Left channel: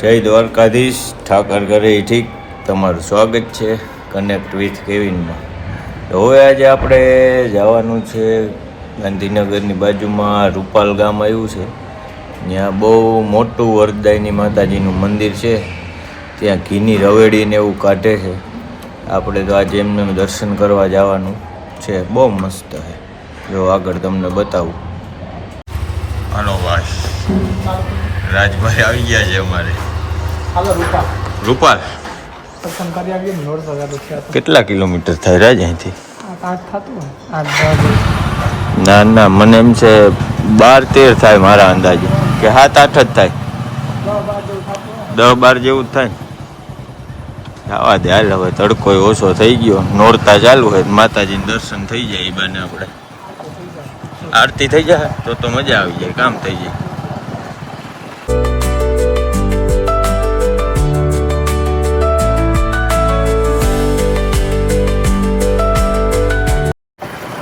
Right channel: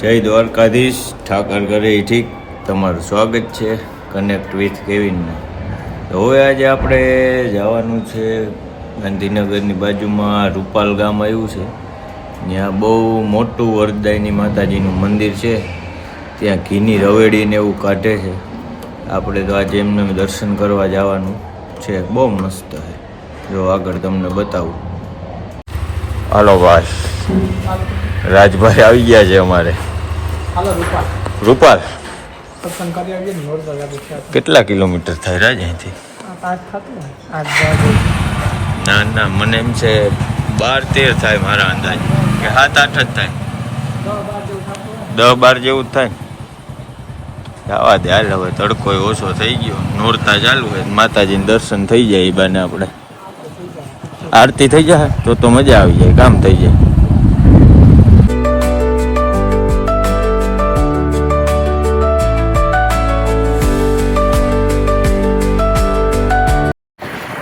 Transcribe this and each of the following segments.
જય દ્વારકાધીશ, ઠાકર ઘરે ઠીક. તમારું સ્વાગત છે કનેક્ટ વિથ કેવિનમાં. તો હવે આજે આપણે જવાનું છે ગાંધીનગરની બાજુમાં રૂપાલ ગામ આવ્યું છે. ત્યાં બહુ મોટું વરદાયની માતાજીનું મંદિર છે. ત્યાં ઘીની રવેડીને એવું કાઢે છે. આપણે તો આજે એમને દર્શન કરવા જવાનું છે. બહુ મસ્ત છે. જો આગળ તમને બતાવું. હાલો ભાઈ, રાજભાઈ આવી ગયા છે અમારે. રૂપાલ કેટલા કિલોમીટર થાય રાજ અહીંથી? ના ના, મને એમ છે 12-13 થાય મારા અંદાજે, કે 7-8 જ થાય. 10-12 જેવું જ થાય. જવા દે હાલ, હવે તડકો ઓછો થઈ ગયો, નોરતા ચાલુ હોય, માતાજીને દર્શન થઈ જાય. એ બાને આપણે આરતી થઈ જાય તો મજા આવી જાય, કામ થઈ જાય.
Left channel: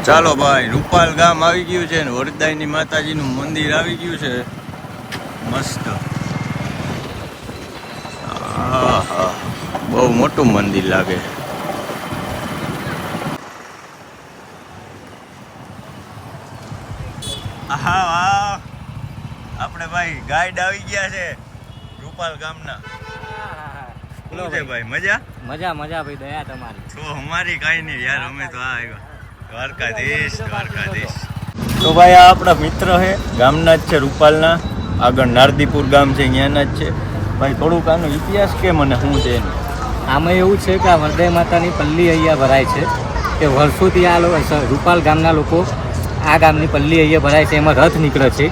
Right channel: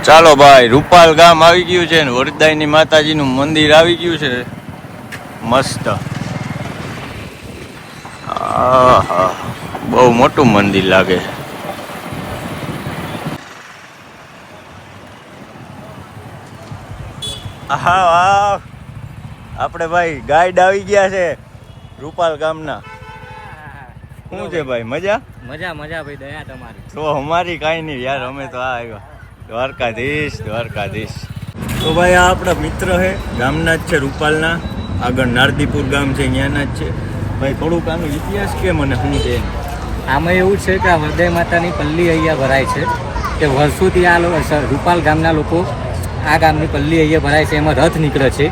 ચાલો ભાઈ, રૂપાલ ગામ આવી ગયું છે ને વરદાયની માતાજીનું મંદિર આવી ગયું છે. મસ્ત, બહુ મોટું મંદિર લાગે. હા વાહ, આપણે ભાઈ ગાઈડ આવી ગયા છે રૂપાલ ગામના. શું છે ભાઈ, મજા મજા મજા ભાઈ, દયા તમારી. તો અમારી કાંઈ નહીં યાર, અમે તો આ આવ્યા દ્વારકાધીશ. તો ભાઈ આ આપણા મિત્ર છે, ગામના જ છે રૂપાલના. આગળ નારદીપુર ગામ છે, અહીંયાના જ છે. ભાઈ થોડુંક આનો ઇતિહાસ કે મને શું છે? આમાં એવું છે કે આ વરદાય માતાની પલ્લી અહીંયા ભરાય છે. કે વર્ષોથી આ રૂપાલ ગામના લોકો આ ગામની પલ્લી અહીંયા ભરાય છે. એમાં રથ નીકળે છે,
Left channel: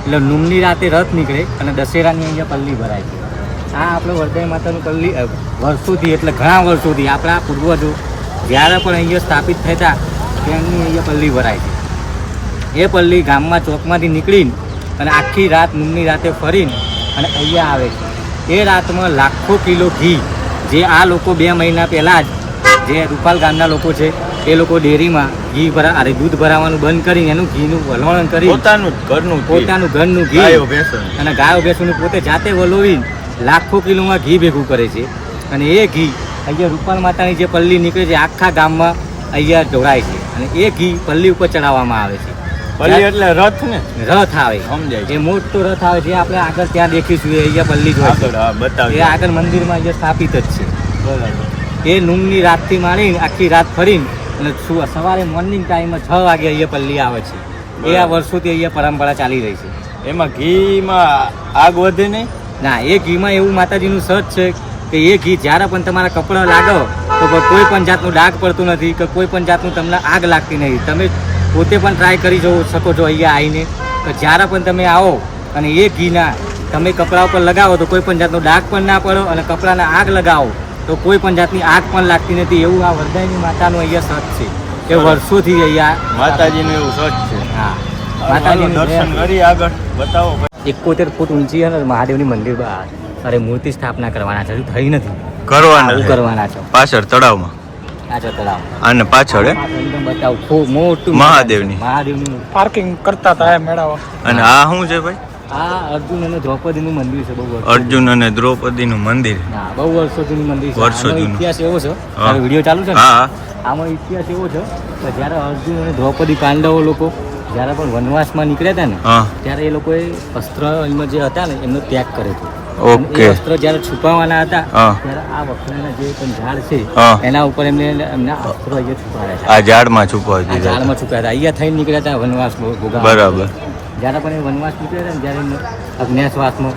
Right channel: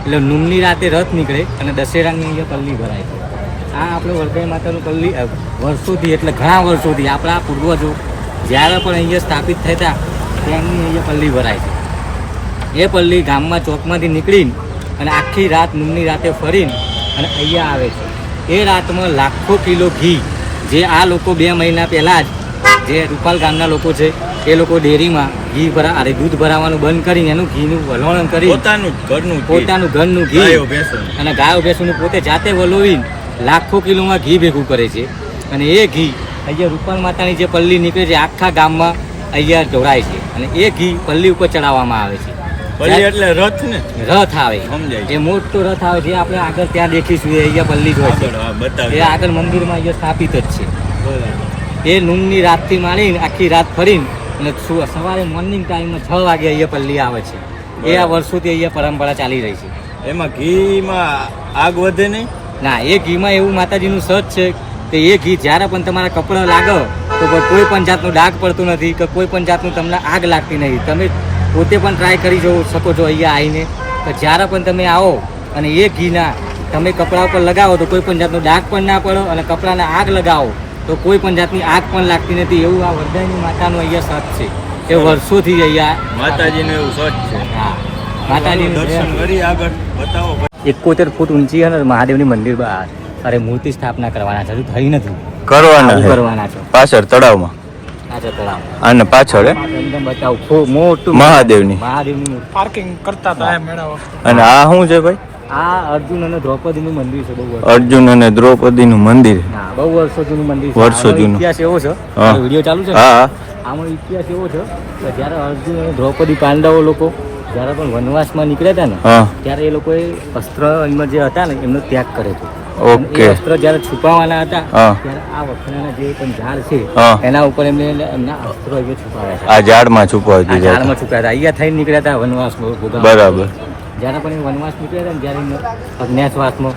એટલે નુમની રાતે રથ નીકળે અને દશેરાની અહીંયા પલ્લી ભરાય છે. આ આપણે વરદાય માતાનું પલ્લી વર્ષોથી, એટલે ઘણા વર્ષોથી આપણા પૂર્વજો જ્યારે પણ અહીંયા સ્થાપિત થતા ત્યાંની અહીંયા પલ્લી ભરાય છે. એ પલ્લી ગામમાં ચોકમાંથી નીકળીને અને આખી રાત નુમની રાતે ફરીને અને અહીંયા આવે છે. એ રાતમાં લાખો કિલો ઘી, જે આ લોકો 2 મહિના પહેલાં જ જે રૂપાલ ગામના લોકો છે એ લોકો ડેરીમાં ઘી દૂધ ભરાવાનું બંધ કરીને એનું ઘીનું વલોવણ કરી પોતાનું ઘરનું ઘી અને ગાયો ભેંસોનું પોતે જાતે વલોવીને લાખો કિલોમાં ઘી ભેગું કરે છે. અને એ ઘી અહીંયા રૂપાલ માતાની જે પલ્લી નીકળે છે આખા ગામમાં અહીંયા ઢોળાય છે. અને એ ઘી પલ્લી ઉપર ચડાવવામાં આવે છે. એટલે રથ ને રથ આવે, સમજાય? જે મોટો રથ આવે જે આપણે આગળ ત્યાં દેખીશું એ અહીંયા પલ્લી જ હોય છે. એ આગળ મંદિરમાં અહીંયા સ્થાપિત જ છે. એ નુમની રાતથી માંડીને આખી રાત ફરીને અને સવારે મોર્નિંગ ટાઈમમાં 6 વાગે અહીંયા પલ્લી આવે છે. એ આ વર્ષોથી અહીંયા પરંપરા ચાલી રહી છે. એમાં ઘીમાં આગ વધે નહીં? ના, એ ઘીમાં એવું માતાજીનું સચ છે કે એ ઘી જ્યારે પણ તમારા કપડાં લાગો તો કોઈ પણ જાતનું ડાઘ પડતું નથી, કે કોઈ પણ જાતનું તમને આગ લાગતી નહીં. તમે પોતે પણ ટ્રાય કરી શકો છો અહીંયા આવીને, કે જ્યારે પણ તમે આવો અને એ ઘીના તમે કપડા ઉપર લગાવો તો કોઈ પણ જાતનો ડાઘ પણ ના પડો, અને કપડાના આગ લગાવો તો કોઈ પણ જાતની આગ પણ લાગતી નથી. એવું આ વરદાયની માતાનું અહીંયા સત છે. એ વર્ષોથી અહીંયા માતાજીનું એવું સત છે. હા, માતાજીનું દર્શન કરી આગળ બતાવો. 71 ફૂટ ઊંચી અને મહાદેવની મંદિર અરે મૂર્તિ સ્થાપના કરવાના છે. હજુ થઈ નથી, કરવાના છે. પાછળ તળાવમાં અને પાછળ બતાવું મોટું મહાદેવની પાર્કિંગ કરતા હતા મેળા વખતે. અને આ શું છે ભાઈ? આ અર્જુન અને દ્રૌપદીનું મંદિર છે. બહુ અર્જુન અને દ્રૌપદીનું મંદિર, બહુ વર્ષો જૂનું મંદિર છે. વર્ષો જૂનું. ઇતિહાસ એવો છે, વિડીયો ચાલુ છે. હા, આમાં ઇતિહાસ એવો છે કે જ્યારે અર્જુન અને દ્રૌપદી પાંડવો લોકો જ્યારે પણ વનવાસમાં નીકળ્યા હતા ને, ત્યારે એ લોકોએ અસ્ત્ર એમાં જે હતા ને એમનો ત્યાગ કર્યો હતો. ઓકે. અસ્ત્ર જ્યારે છુપાવવાના હતા ત્યારે આ વખણાના જે પણ ઝાડ છે એના ઉપર એમના અસ્ત્રો અહીંયા છુપાવ્યા છે. આ ઝાડમાં છુપાવ્યા હતા. અહીંયા થઈને નીકળ્યા હતા વનવાસ. બરાબર. જ્યારે પણ એ વનવાસ નીકળ્યા હતા ને, જ્યારે અજ્ઞાતવાસમાં,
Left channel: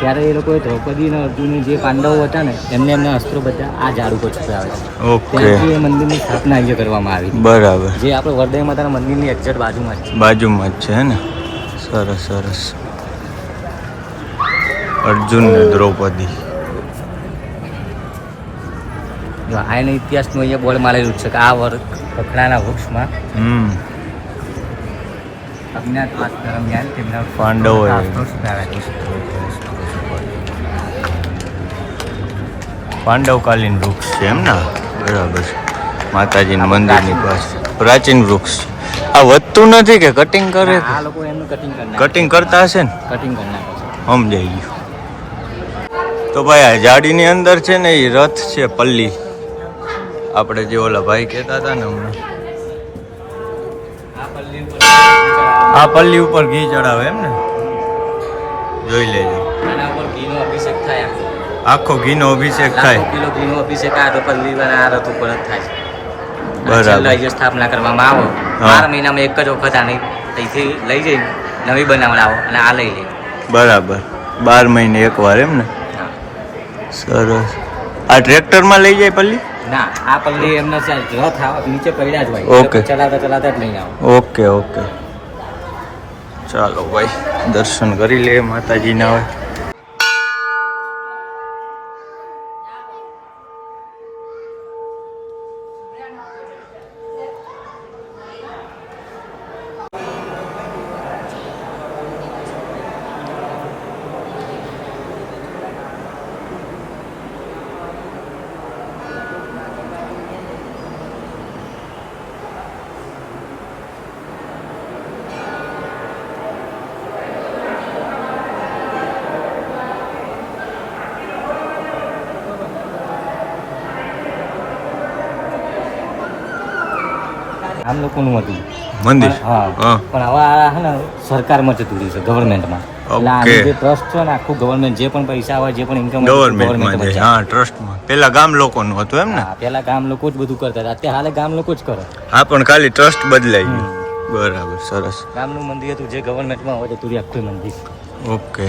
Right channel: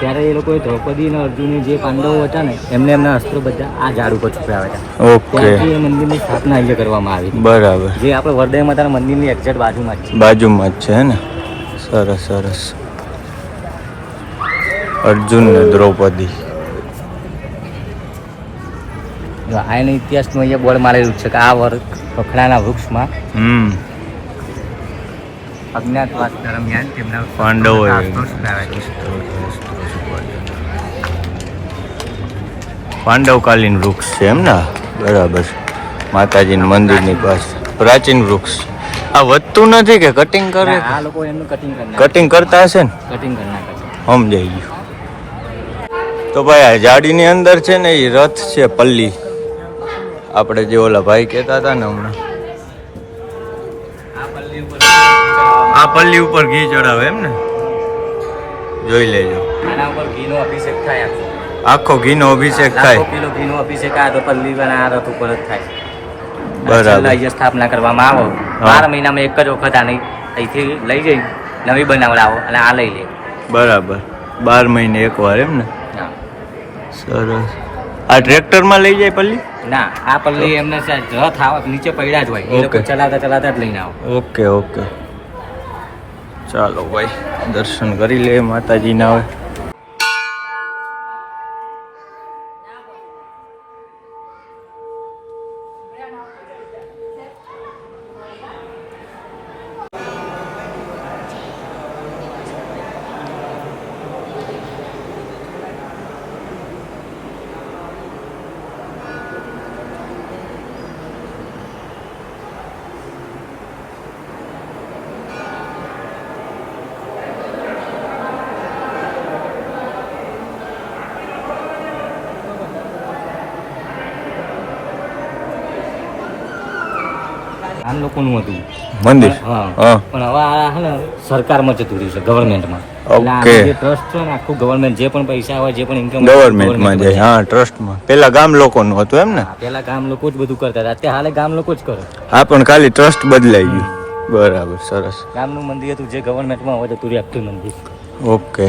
ત્યારે એ લોકોએ દ્રૌપદી અને અર્જુન જે પાંડવો હતા ને એમના અસ્ત્રો બધા આ ઝાડ ઉપર છુપાવ્યા હતા. ત્યાંથી એ મંદિરની સ્થાપના અહીંયા કરવામાં આવી. બરાબર. જે આપણે વરદાય માતાના મંદિરની એક્ઝેક્ટ બાજુમાં જ છે ને. સરસ સરસ. અર્જુન ને દ્રૌપદી, આનો ઇતિહાસનું અહીંયા બોર્ડ મારેલું છે કે આ વખણાના વૃક્ષમાં અજ્ઞાતવાસ દરમિયાન તેમના પાંડવો પાંડવકાલીન વૃક્ષ છે એમ ને? બરાબર. માતાજીના મંદિરની પાસે પ્રાચીન વૃક્ષ. આ વધતું નથી કે કટિંગ કરે? આ લોકો એનું કટિંગ કરતા હશે ને? કટિંગ કરી નાખે છે. સમજાઈ ગયું. તો ભાઈ આ જાડીની અંદર છે ને એ રથ છે પલ્લી, આપણે જે ઓલા ભાઈ કહેતા હતા ને હમણાં, આ પલ્લી ઉપર ઘી ચડાવે એમ ને, જોઈ લેજો. આખો ઘીનો અભિષેક થાય. બરાબર. સ્થાપના કરવામાં આવે 12 મહિનામાં એક જ વખત આને અહીંથી લઈ જઈ નવી બનાવડાવો અને આ લઈ લે. બરાબર, 12 મહિને એકવાર એમ ને. સરસ. આ ટ્રેક્ટરમાં લઈ જાય પલ્લી? ના, આ પલ્લી એમને રથ આવે નીચે પડ્યા જ હોય. ઓકે. ચલાવતા ચલાવતા જ લઈને આવો. ઓકે ઓકે, ચાલો ભાઈ દર્શન કરી લે માતાજીના. હવે આમ લોકોનું હતું મંદિર. હા, હા. પણ હવે આ હે ને સરકારમાં જતું રહ્યું છે, ગવર્મેન્ટમાં. એટલે ઓકે. આનું જે ટ્રસ્ટ છે ને આખું ગવર્મેન્ટ, જે પણ પૈસા હોય જે પણ ઇન્કમ ગવર્મેન્ટમાં જાય. હા, ટ્રસ્ટમાં. પેલા ગામ લોકોનું હતું એમ ને. પેલા ગામ લોકો જ બધું કરતા હતા, અત્યારે હાલે ગામ લોકો જ કરે. હા, પણ ખાલી ટ્રસ્ટ બદલાઈ ગયું. બરાબર, સરસ. ગામનું મંદિર હતું જે ગવર્મેન્ટમાં હોય જતું રહ્યું આખું મંદિર. ઓકે.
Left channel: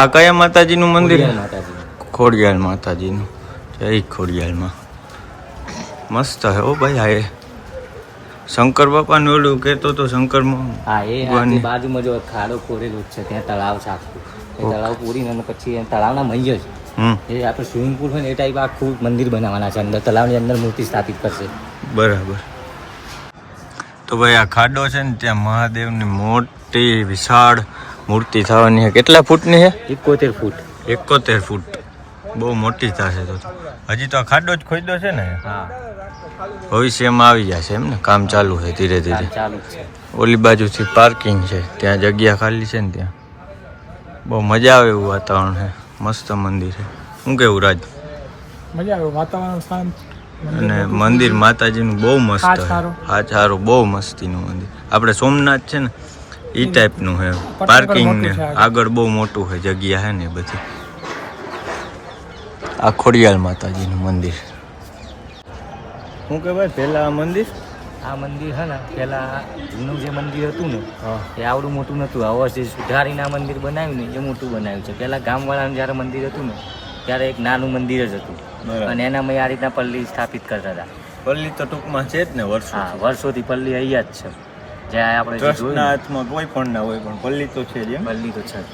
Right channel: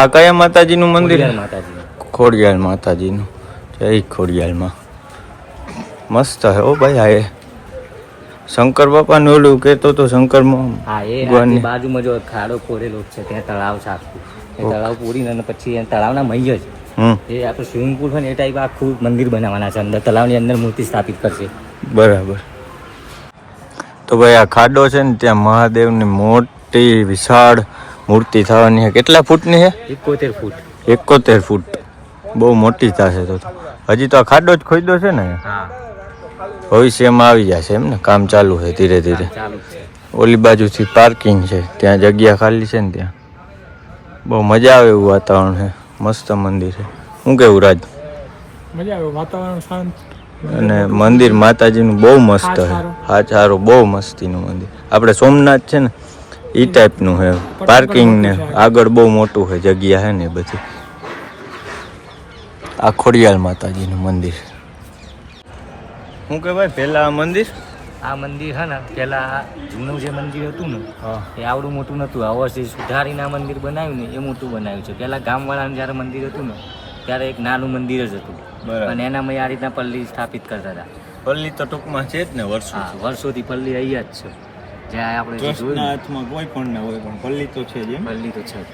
આ કયા માતાજીનું મંદિર? ખોડિયાર માતાજી. ખોડિયાર માતાજીનું. જય ખોડિયારમાં. મસ્ત હે ઓ ભાઈ. આ એ શંકર બાપાનું ઓલું કહેતો તો શંકરમાં. હા, એ આખી બાજુમાં જો ખાડો ખોડેલો જ છે, ત્યાં તળાવ છે આખું. એ તળાવ પૂરીને અને પછી એ તળાવના મહી જ એ આપણે સ્વિમિંગ પુલ છે ને એ ટાઈપ આખું મંદિર બનાવવાના છે. અંદર તળાવની અંદર મૂર્તિ સ્થાપિત કરશે. બરાબર. તો ભાઈ આ ખાડો છે ને ત્યાં મહાદેવની મોટી વિશાળ મૂર્તિ થવાની છે. કેટલા ફૂટની છે? 71 ફૂટ. 71 ફૂટ. બહુ મોટી થશે તો. હજી તો આ ખાડો જ ખોદ્યો છે ને. હા, ભવિષ્યમાં આવી જશે એમ ને. કામ ચાલુ છે ધીરે ધીરે. ચાલુ છે. ઓલી બાજુથી પાર્કિંગ છે, ત્યાં જગ્યા ખાલી છે ને ત્યાં. બહુ મજા આવે એવું વાતાવરણ છે. મસ્ત મંદિર છે. શું કેવું રાજ? મજા આવે, વાતાવરણ શાંત અને મંદિર માતાજીનું બહુ મસ્ત છે. હા, સારું, બહુ મસ્તીનું મંદિર. આપણે સોમનાથ છે ને એ ટાઈપનું છે. પાર્કિંગ ને આગળ બહુ મોટું છે, જગ્યા છે ને એ બધી. આ ખોડિયાર માતાજીનું મંદિર. શું કહેવાય પેલા આ મંદિર? આ મંદિર છે ને પેલા જૂનું જે મંદિર હતું ને એ આવડું મોટું નતું. હવે જે સુધારીને આ મંદિર બનાવ્યું ને એ મોટું બનાવ્યું છે. પેલા ગામવાળાનું જ્યારે મંદિર હતું ને ત્યારે એક નાનું મંદિર જ હતું. બરાબર. અને એનામાં આ રીતના પલ્લી સ્થાપિત કરતા હતા. પલ્લી તો ટૂંકમાં છે જ ને વર્ષો. હા, વર્ષોથી પલ્લી અહીંયા જ છે. જ્યાં આપણે ટ્રસ્ટના હાથમાં કોઈ પણ ના હોય પણ પલ્લી તો છે જ એમ. પલ્લી તો છે જ.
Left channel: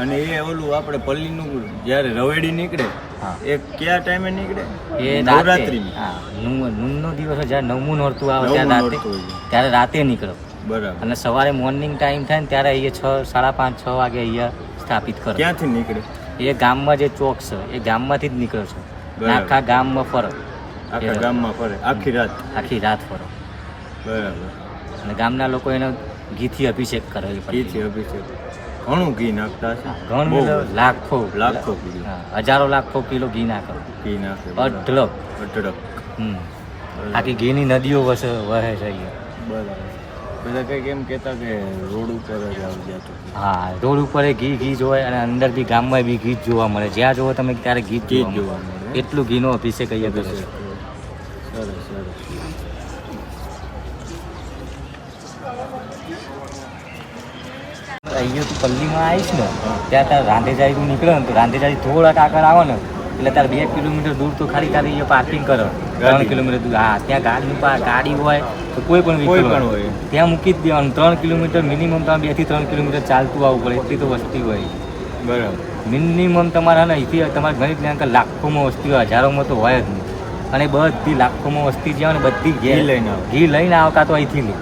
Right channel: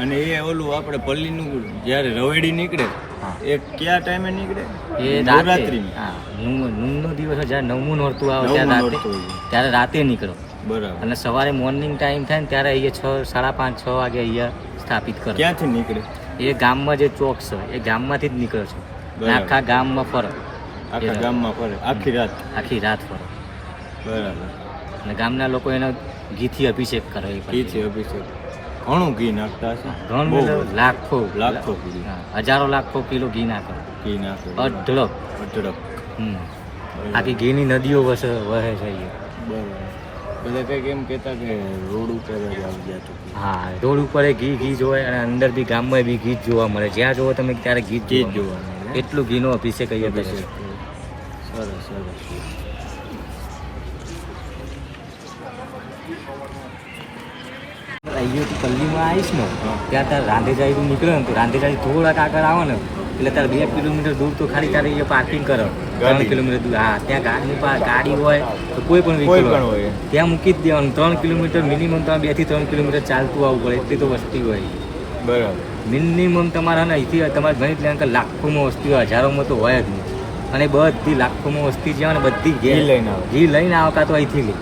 અને એ ઓલું આપણે પલ્લીનું જ્યારે રવેડી નીકળે હા. એ કયા ટાઈમે નીકળે? એ નવરાત્રીમાં. હા, નૂનનો દિવસ હોય, જ્યારે 9મું નોરતું આવે નવમું ત્યારે નોરતું હોય. ત્યારે રાતે નીકળો. બરાબર. અને સવારે મોર્નિંગ ટાઈમ થાય ને ત્યારે અહીંયા 6, 5:30, 6 વાગે અહીંયા સ્થાપિત કરો. ક્યાંથી નીકળે? એ ગામમાં જે ચોક છે એ ગામમાંથી જ નીકળે છે. બરાબર. આખા ગામમાં ફરો. આખા ગામમાં ફરે આખી રાત? આખી રાત ફરો. બરાબર. અને ગામના લોકો એનો ઘીથી અભિષેક કરે. એ પછી ઘીથી અભિષેક. ઘણું ઘી નાખતા છે. ઘણું બહુ. લાખો કિલો. હા, હજારો લાખો કિલો ઘી નાખે. ઘી નાખે. અઢળક. અઢળક. આખી ઘીની નદીઓ વહે છે અહીંયા. બરાબર. બધા કંઈક એમ કહેતા કે રોડ ઉપર જ આવી જતું. હા, રોડ ઉપર ઘી જ હોય અને અંદર બી ગામમાં બી ઘી જ જોવા મળે. જ્યાં જોવો તમે ત્યારે ઘી જ જોવા મળે. એટલું ઘીનો અભિષેક અહીંયા કરે છે. સરસ સરસ. અહીંયાથી પલ્લીમાં આવીશ ને ત્યાં તાર રાંધેજારી નીકળે ને તો રાંધેજારી થોડાક આગળ આવે ને એટલે તાર 2 કિલોમીટર દૂર તો ખાલી એ પાર્કિંગ કરો. 3 કિલોમીટર દૂર. હા, ત્યાં ગાડી હોય તો કોઈ પણ હોય ત્યાં મૂકી જ દેવાનું. 3 કિલોમીટર મિનિમમ તમારે 2 થી 3 કિલોમીટર ચાલતું આવવું પડે. એટલી તો વસ્તી હોય. બરાબર. મિનિમમ તમારા ને અહીંથી તમારે ગણિત લે કે લાખોમાં વસ્તી હોય, હજારોમાં તો હોય જ નહીં. અને બધી લાખોમાં વસ્તી જે હોય ને બધી ઘી લઈને આવતા તો અહીંથી લે.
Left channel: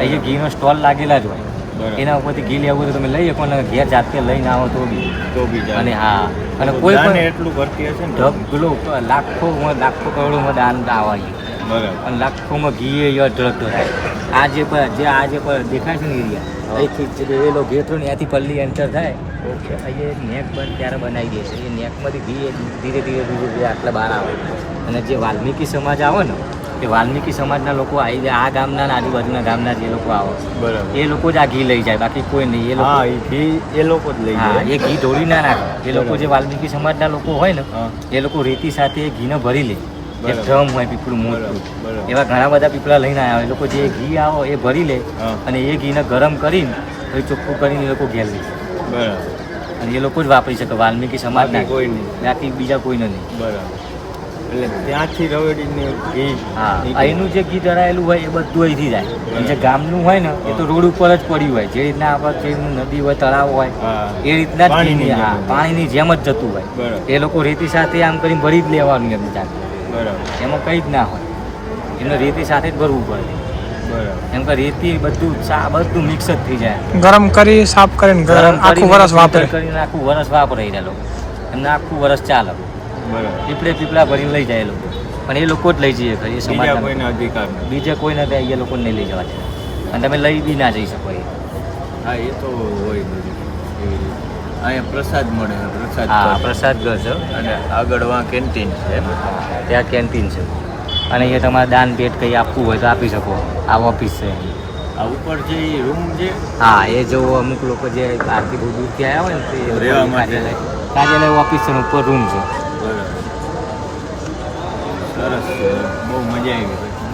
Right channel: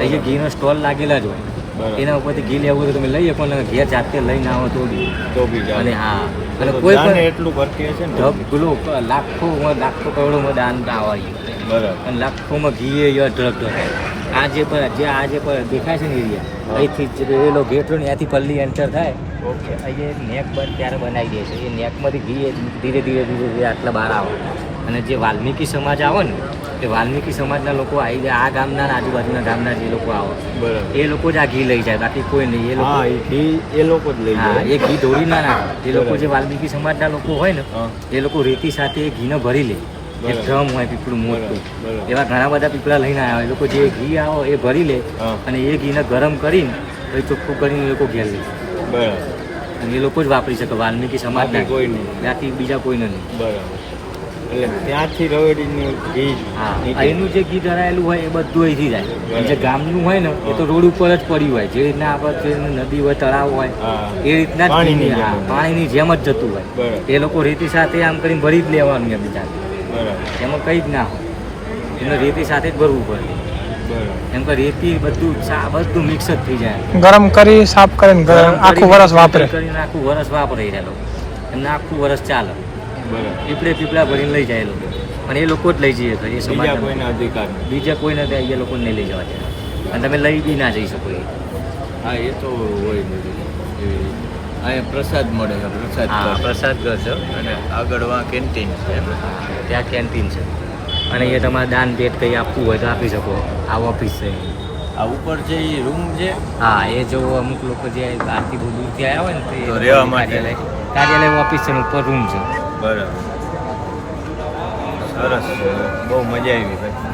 અહીંયા ઘીનો સ્ટોલ લાગેલા જ હોય. એના ઉપરથી ઘી લેવું તો તમે લઈ શકો ને ઘેર જાતે લઈને આવો તો બી અને હા, અને કોઈ પણ એટલું કરતી હશે ને લાખો કરોડોમાં દાન આવે. બરાબર. અને લાખોમાં ઘી એ અઢળક આ જે દેખાય છે ને એરિયા અહીંથી રેલો ગેટ ને ત્યાંથી પલ્લી એન્ટર થાય પેટમાંથી ઘી ધીરે ધીરે ધીરે ધીરે આટલા બહાર આવે. અને જે વાલ્મીકી સમાજ આવે ને એ વાલ્મીકી સમાજના લોકો આવી જાય, આ ગામના ને આજુબાજુના ગામના જે લોકો આવે બરાબર. એ લોકો જ આ ઘી લઈ જાય, બાકી કોઈ નહીં. એ લોકો હા, એ ઘી એ લોકો જ લઈ હા, જાય. એ ઘી ઢોળી ના નાખે. એ લોકો બરાબર. જે વાલ્મીકી સમાજના લોકો હોય ને હા. એ લોકો રેતી સાથે એ ઘીને ભરી લે. એક બરાબર. ડ્રમ હોય પીપળું મોટું, બરાબર. એવા ઘણા બધા પીપળા લઈને આવ્યા. એ લોકો જે ઘી આવો એ ભરી લે હા. અને એ ઘીને ગરમ કરીને પછી ચોખ્ખું કરીને એ લોકો ઘેર લે છે. બરાબર. અને એ લોકો જ વાપરી શકે, વાલ્મીકી સમાજ બાકી કોઈ નહીં. બાકી બીજા કોઈને નહીં. બરાબર. એટલે ત્યાંથી રવેડીનું ઘી હા, નીકળે. અહીંનું જે ઘી ધરાયેલું હોય એ બધું અહીંથી જાય. બરાબર. જે ગામનું હોય ને એ તો રોડ ઉપર જ પડ્યું હોય, જે રીતના આપણે જે નદી હોય, તળાવ હોય હા. એ રીતના જ પાણીની ઘી, જેમ હા, જ. પાણીની જેમ જ જતું હોય. બરાબર. એ લોકો રેતી સાથે આમ કરીને ભરી જ લેવાનું એમ જાતે. બરાબર. એમાં કંઈ જ ના હોય, એને રેતી સાથે જ ભરવું પડે. બરાબર. એમ કે રેતી બધું બધું મિક્સ જ થઈ જાય. ગરમ કરી સાફ કરીને ગરમ આખું કરીને વરસ વાપરે. કરીને આખું વરસ વાપરે એ લોકો, અને આખું વરસ ચાલે. બરાબર. પીપળા ભરીને લઈ જાય એ લોકો, અને એ લોકો જ લઈ જઈએ. એ બીજા સમાજના કોઈના અધિકાર નથી. બીજે કોઈ નથી, એ લોકોને નહીં લઈ જવા દે. અને તમે લઈ બી ના જઈ શકો એ. હા, એ તો હોય બધું એવી રીતે. અહીંયા પ્રસાદ મળે છે, પ્રસાદ હા, પર. પ્રસાદ ઘર છે. અને આગળ વાં કેન્ટીન છે. હા, ત્યાં કેન્ટીન છે. અને એ તમારે દાન ભેટ કંઈ આપવું હોય તો આપી શકો. આ ઓફિસ છે. આ ઉપર છે એ રૂમ છે. હા, એ જો અમુક લોકો જે બહારથી બહુ દૂરથી આવ્યા હોય ને તો એ લોકોની રહેવા માટે. કાર્યાલય ઓફિસ છે ને ઉપર રૂમ છે. બરાબર. સરસ છે, બહુ મજા આવી ભાઈ.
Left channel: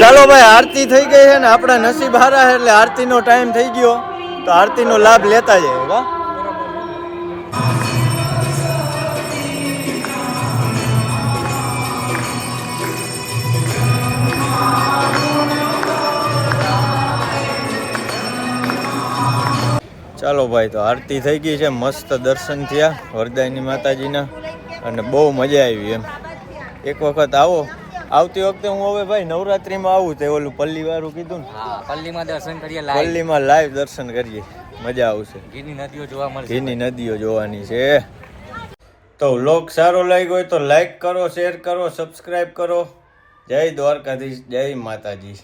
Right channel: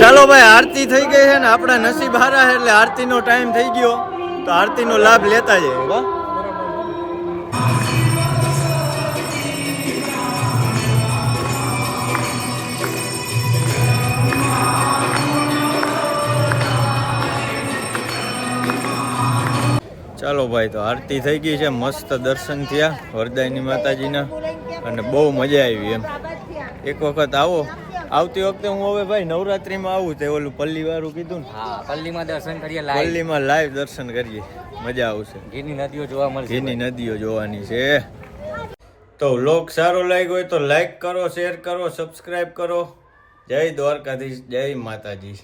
ચાલો ભાઈ, આરતી થઈ ગઈ છે ને આપણા નસીબ હારા છે એટલે આરતીનો ટાઈમ થઈ ગયો તો આરતીનો લાભ લેતા જઈએ. વાહ. ચાલો ભાઈ, તો આરતી થઈ ગઈ છે, મસ્ત દર્શન થયા વરદાયની માતાજીના અને બહુ મજા આવી. એમ એક વખત આવો. આવતી વખતે હું હવે ભાઈ નવરાત્રીમાં આવું તે ઓલું પલ્લી વાળું કીધું ને, હા, પલ્લીમાં દર્શન કરીએ લાઈવ. પલ્લીમાં લાઈવ દર્શન કરીએ, મજા આવશે. ઘીની નદીઓ જોવા મળશે. ઘીની નદીઓ જોવાની છે. તો વ્લોગ સારો લાગ્યો હોય તો લાઈક કરો, શેર કરો, સબસ્ક્રાઈબ કરો. જય દ્વારકાધીશ, જય માતાજી.